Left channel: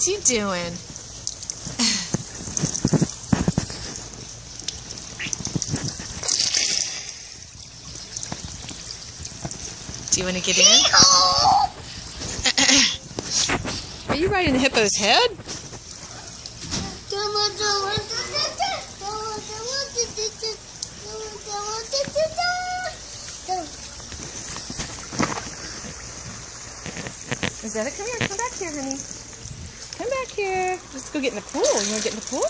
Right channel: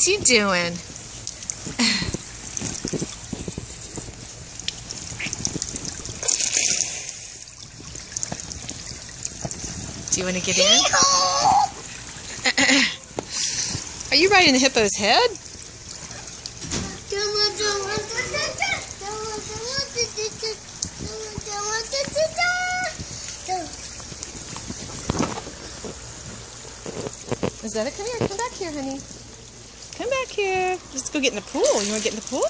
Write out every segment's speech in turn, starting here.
What you doing? Do you want to get in? Are you riding the hippo's head? Rosetta, come here. Come back here, honey. Come back here. Let's go get in the pool. You want to get in the pool?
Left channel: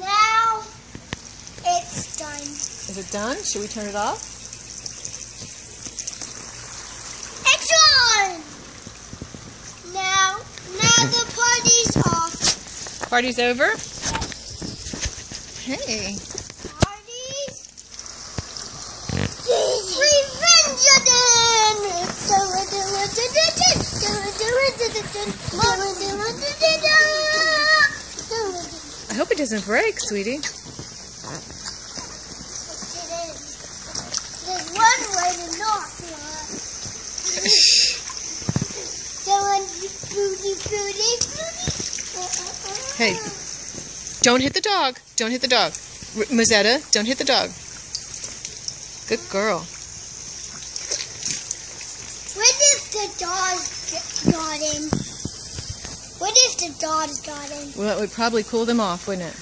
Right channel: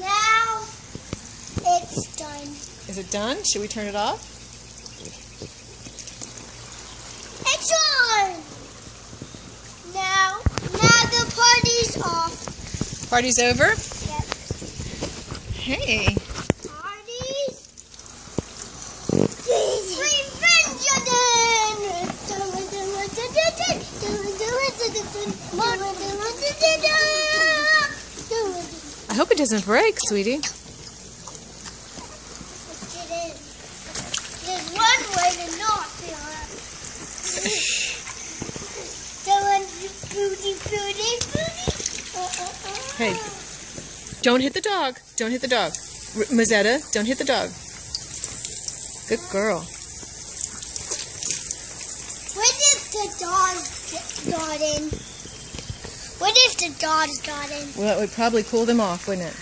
Now it's done. Is it done? Should we turn it off? It's on! Now the party's off. Party's over? Yes. Hey. Party's revenge again! I hope it doesn't break, sweetie. There's one way to not feel it. Hey, don't hit the dog. Don't hit the dog. Mozetta, don't hit the dog. Good girl. What if the dog got in? What if the dog got in? Well, it would probably cool them off, wouldn't it?